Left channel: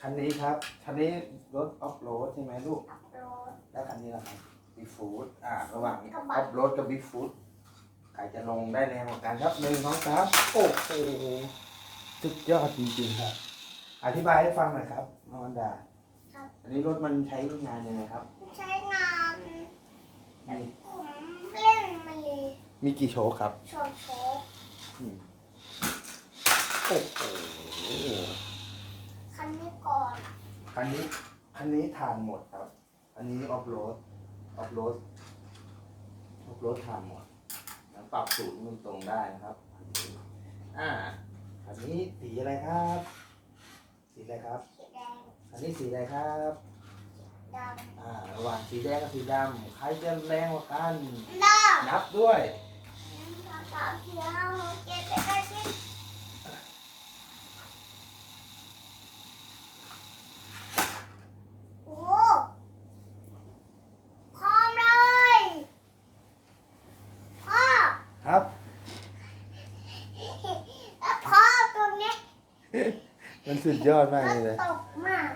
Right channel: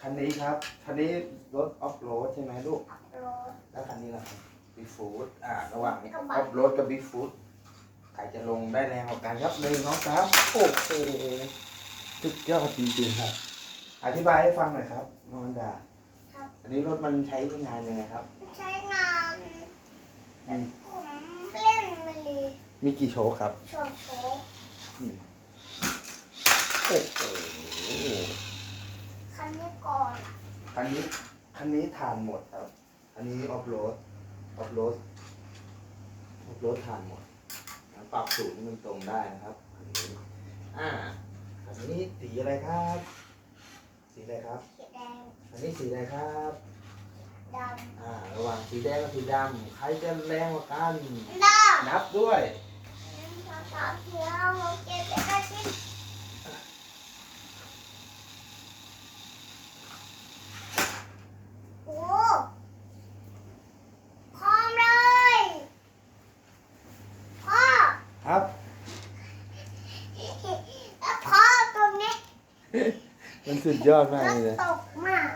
คันนี้ครับ คันนี้รถออฟโรดใช่ไหมลูกขับรถแล้วคันนี้ล่ะครับบิ๊กฟูดอ่า ระหว่างนี้กอระบะอฟโรดกับบิ๊กฟูดใครจะลงได้แรงกว่ากันครับหนึ่งน้องสามโอ้โหสุดยอดจริงๆครับ อธิบายให้ฟังหน่อยครับนอนดาครับ อันนี้รถมันใช้งานยังไงครับ ใช้งานมีผมเล่นมันเลยมีกี่โชว์ครับ โชว์โชว์อืมโอ้โหคันนี้ก่อน คันนี้คันนี้ทานหมดครับ อันนี้ออฟโรด ออฟโรด ออฟโรดทานหมดแล้วปรับสูงมันตรงได้นะครับอันนี้อ่า อันนี้สีอะไรครับ สีอะไรครับ สีแดง อันนี้สีอะไรครับดอ่า ระหว่างสีแดงกับสีดำใครจะแรงกว่ากันำดนับด้วยำภาษาเขียวหกเจ็ดแปดเก้าสิบโอ้พร้อมเลยพ่อ ครับ แล้วพ่อตรงนี้ มันสุดยอดมากเลยตกมาก